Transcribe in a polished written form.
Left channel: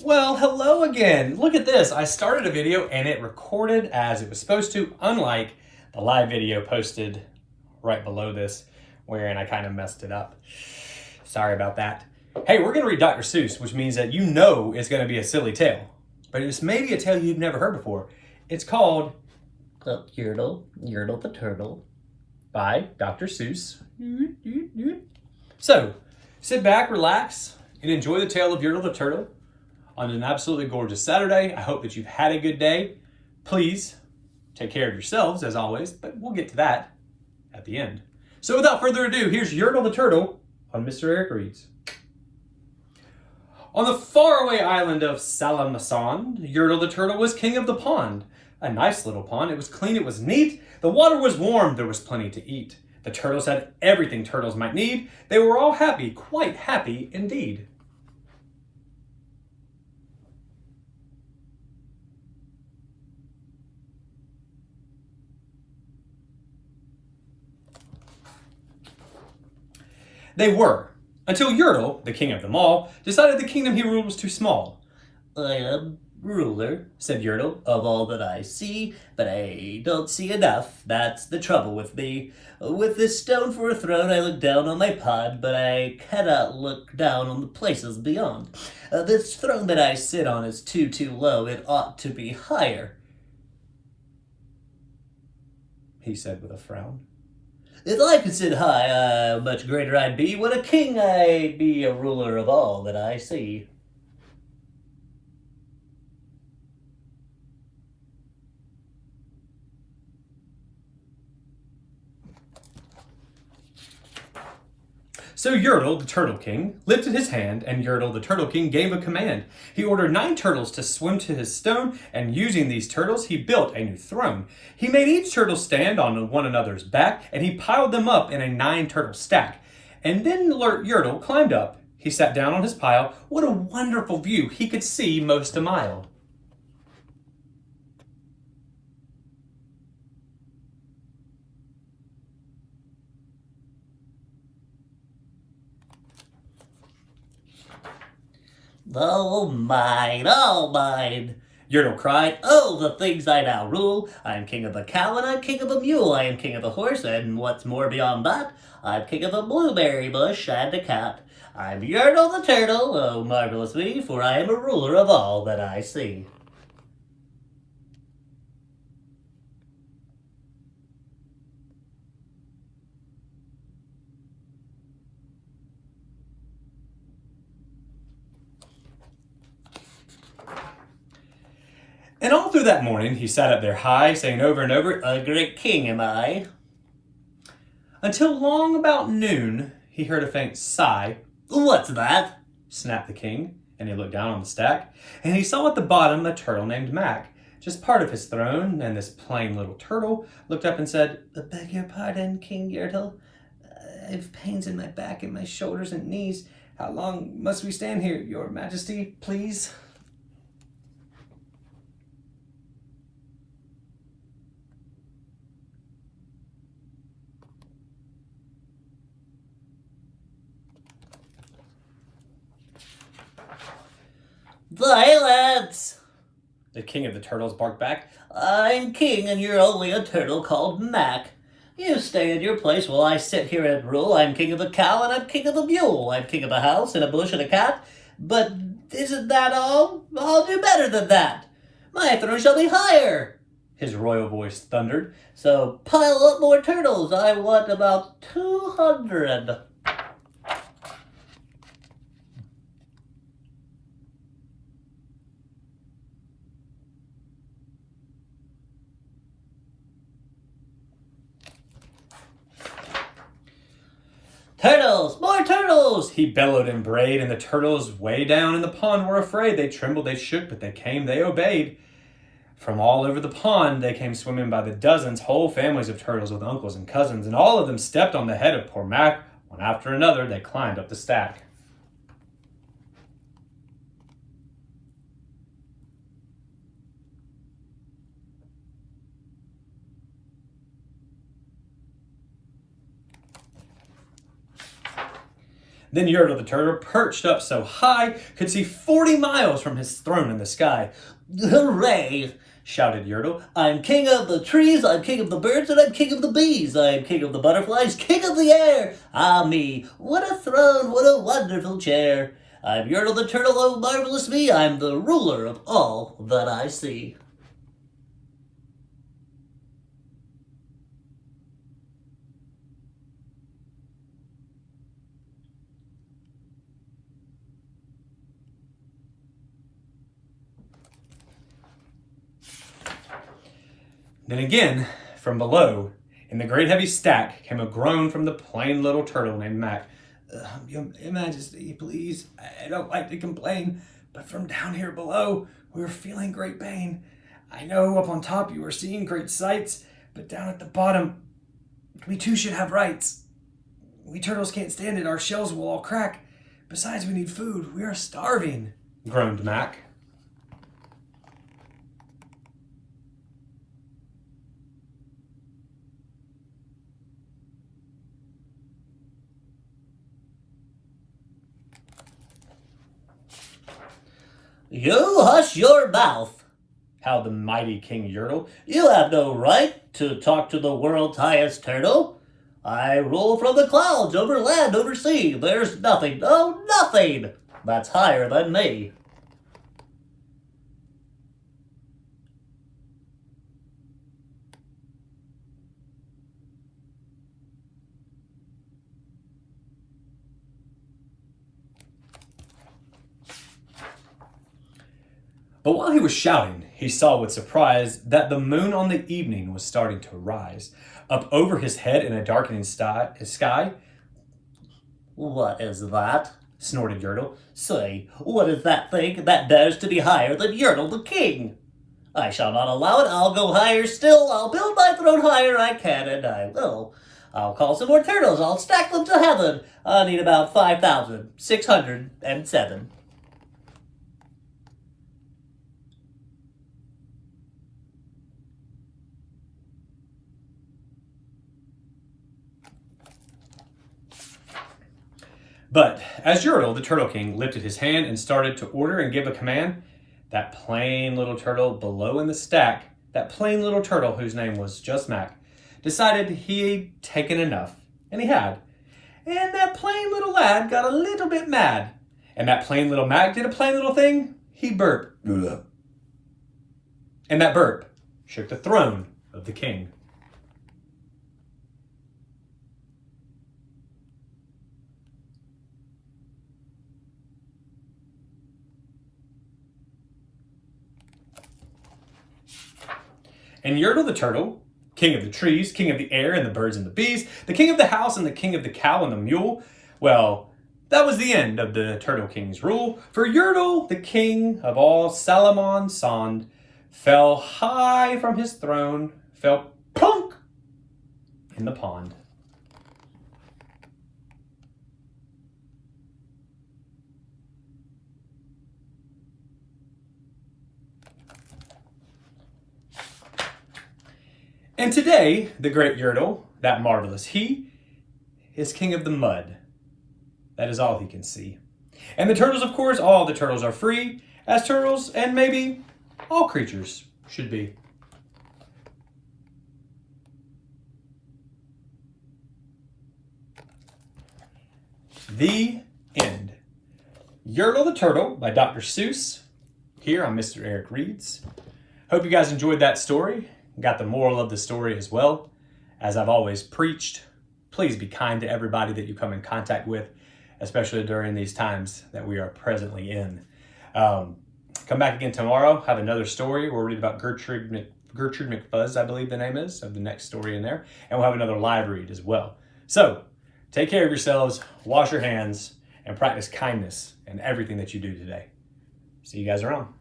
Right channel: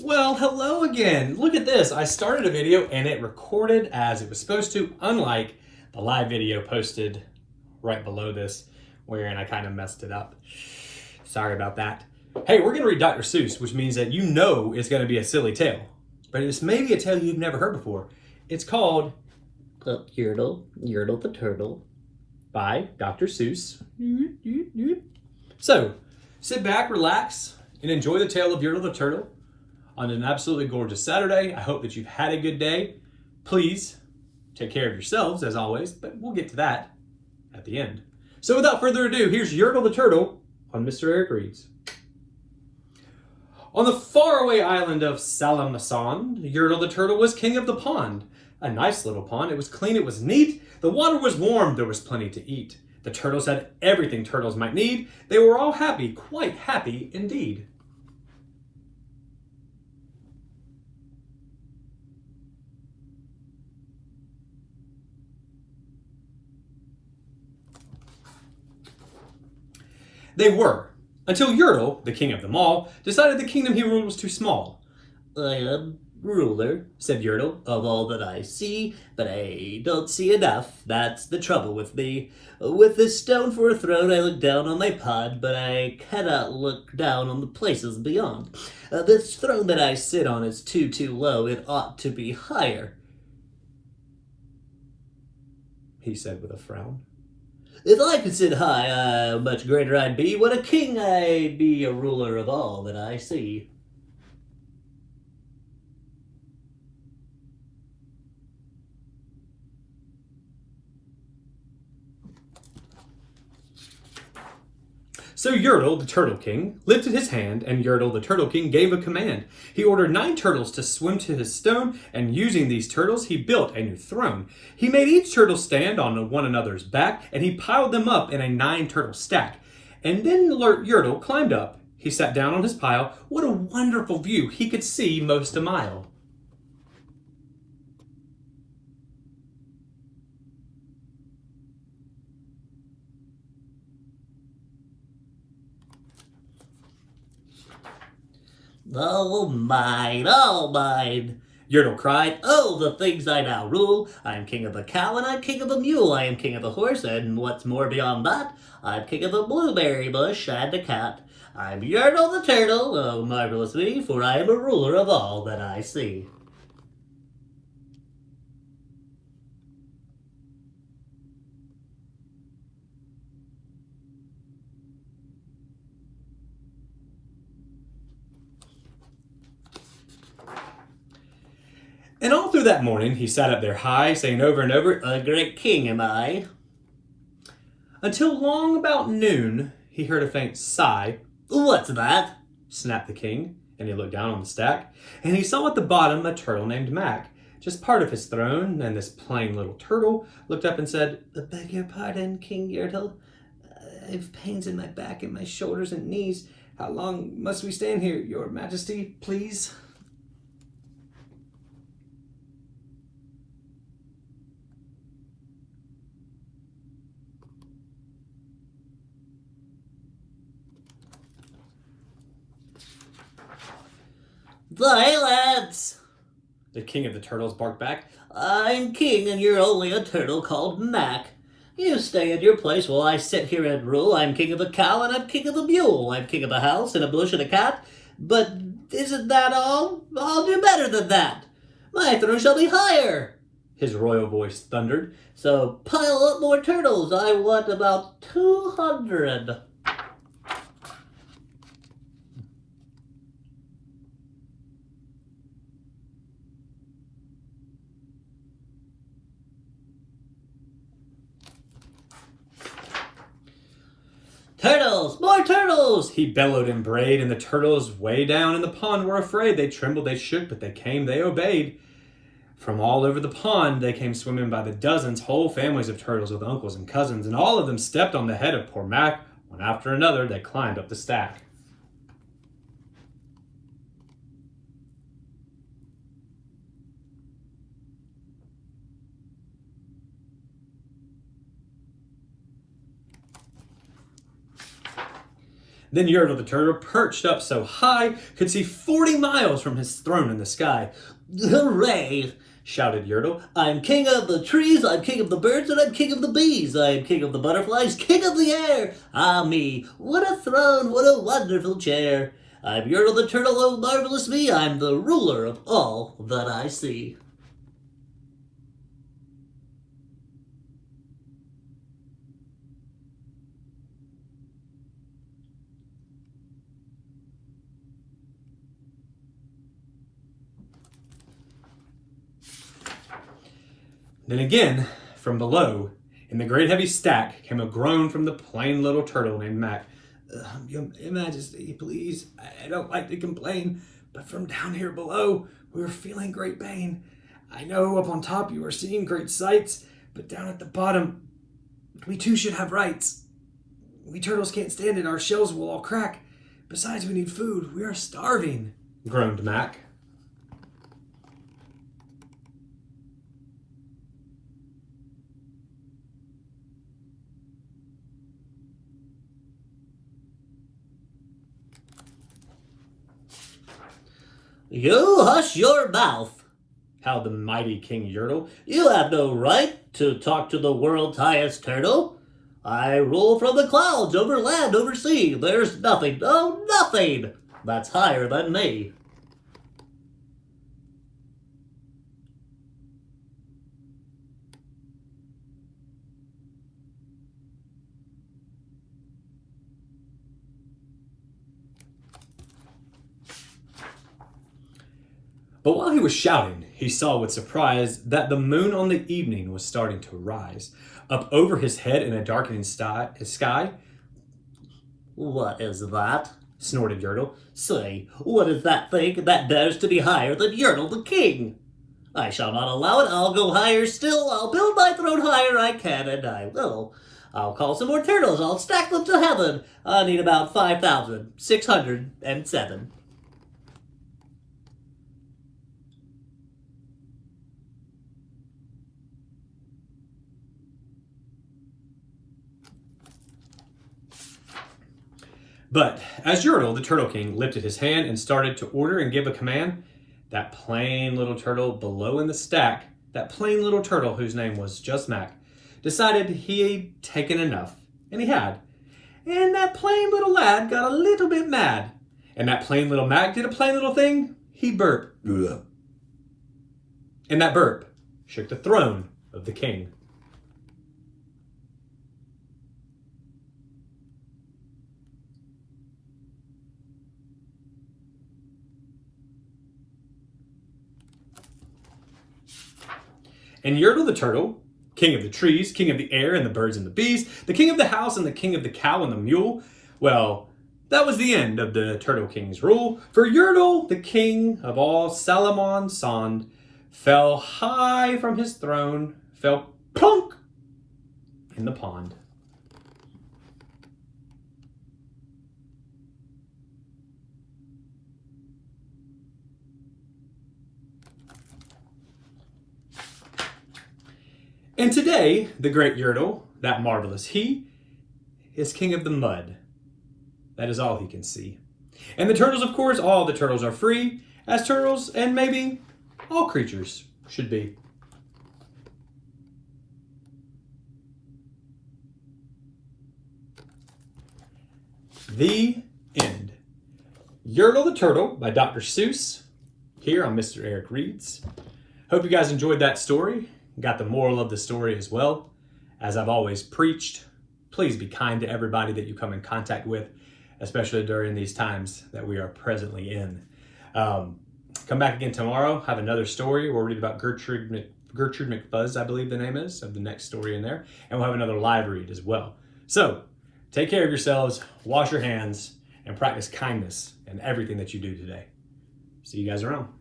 Well, hello again. Look at this. I started a video and it recorded as it was supposed to, unlike the live video posted right below this, wherein I kind of messed it up. Sorry about that. Hey, we're going to read Dr. Seuss, which means that you know it's going to be a silly tale. But it's maybe a tale you've never heard before. It's called Yertle the Turtle. by Dr. Seuss. So, sit back, relax, and enjoy the tale of Yertle the Turtle on an absolutely gorgeous Saturday. I hope that you've had a good day. Please take care of yourselves, as always, but we'll get to that at the end. So without further ado, here's Yertle the Turtle on Mr. Eric Reads. On the faraway island of Salamasond, Yertle the Turtle was king of the pond. A nice little pond. It was clean, it was neat. The water was warm, there was plenty to eat. The turtles had everything turtles might need. They were all happy, quite happy indeed. They were, until Yertle, the king of them all, decided the kingdom he ruled was too small. I am ruler, said Yertle, of all that I see, but I don't see enough. That's the trouble with me. With this stone for a throne, I look down on my pond, but I cannot look down on the places beyond. This throne that I sit on is too low. It ought to be higher, He said with a frown. If I could sit high, much greater I'd be. What a king I'd be, a ruler of all that I see. So Yertle, the Turtle King, lifted his hand, and Yertle, the Turtle King, gave a command. He ordered 9 turtles to swim to his stone, and using these turtles, he built a new throne. He made each turtle stand on one another's back, and he piled them up in a 9-turtle stack. And then Yertle climbed up. He sat down on his pile. What a wonderful view! He could see most a mile. All mine, all mine, Yertle cried. Oh, the things I now rule. I am king of a cow and I'm king of a mule. I am king of a horse, and what's more beyond that, I'm king of a blueberry bush and a cat. I'm Yertle the Turtle, oh marvelous me, for I am a ruler of all that I see. And all through that morning, he sat up there high, saying over and over, A great king am I. Until long about noon, he heard a faint sigh. What's that? Snapped the king, and he looked down on the stack, and he saw at the bottom a turtle named Mac, just part of his throne, and this plain little turtle looked up and said, I beg your pardon, King Yertle. I've pains in my back and my shoulders and knees. How long must we stand here, your majesty, please? Silence! The king of the turtles barked back. I'm king and you're only a turtle called Mac. You stay in your place while I sit here and rule. I'm king of a cow and I'm king of a mule. I'm king of a house and a bush and a cat. But isn't that all? I'll do better than that. My throne shall be higher, His royal voice thundered. so pile up more turtles. I want about 200. Turtles! More turtles! He bellowed and brayed, and the turtles way down in the pond were afraid. They trembled, they shook, but they came, they obeyed. From all over the pond, they came swimming by the dozens, whole families of turtles with uncles and cousins, and all of them stepped on the head of poor Mac. One after another, they climbed up the stack. Then Yertle the Turtle, perched up so high, could see 40 miles from his throne in the sky. Hooray! Shouted Yertle. I'm king of the trees, I'm king of the birds, and I'm king of the bees. I'm king of the butterflies, king of the air. Ah me, what a throne, what a wonderful chair. I'm Yertle the Turtle, oh marvelous me, I'm the ruler of all that I see. Then again, from below, in the great heavy stack, came a groan from the plain little turtle named Mac. Your Majesty, please, I don't like to complain, but from down here below, we are feeling great pain. I know up on top you are seeing great sights, but down at the bottom, we too should have rights. We turtles can't stand it, our shells will all crack. Besides, we need food, we are starving, groaned Mac. You hush your mouth, howled the mighty King Yertle. You have no right to talk to the world's highest turtle. I rule from the clouds, over land, over sea. There's nothing, oh, nothing that's higher than me. But while he was shouting, he saw with surprise that the moon on the evening was starting to rise. Up over his head in a darkening sky. What is that? Snorted Yertle. Say, what is that thing that dares to be higher than Yertle the King? I shall not allow it. I'll go higher still. I'll build my throne higher I can, and I will. I'll call some more turtles. I'll stack them to heaven. I need about 5,607. But as Yertle, the Turtle King, lifted his hand and started to order and give a command, that plain little turtle below in the stack, that plain little turtle whose name was just Mac, decided he'd taken enough. And he had. And that plain little lad got a little bit mad. And that plain little Mac did a plain little thing. He burped. And that burp shook the throne of the king. And Yertle the Turtle, king of the trees, king of the air and the birds and the bees, the king of the house and the king of the cow and the mule, well, that was the end of the Turtle King's rule. For Yertle, the king of all Salamon Sond, fell high from his throne, fell plunk in the pond. And today, the great Yertle, that marvelous he, is king of the mud. That is all he can see. And the turtles, of course, all the turtles are free, as turtles and maybe all creatures should be. The end. Yertle the Turtle by Dr. Seuss, here on Mr. Eric Reads. Hope you guys enjoyed that story. Got the moral of the story as well. As I've always preached, please be kind to everybody that you come in contact with, especially during these times that we are presently in. Come back again tomorrow, have another story. We'll read about Gertrude McFuzz, I believe the name is, of the next story in there. And we'll have another live read as well. So, take care of yourselves, wash your hands, and practice kindness in everything that you do today. See you guys around.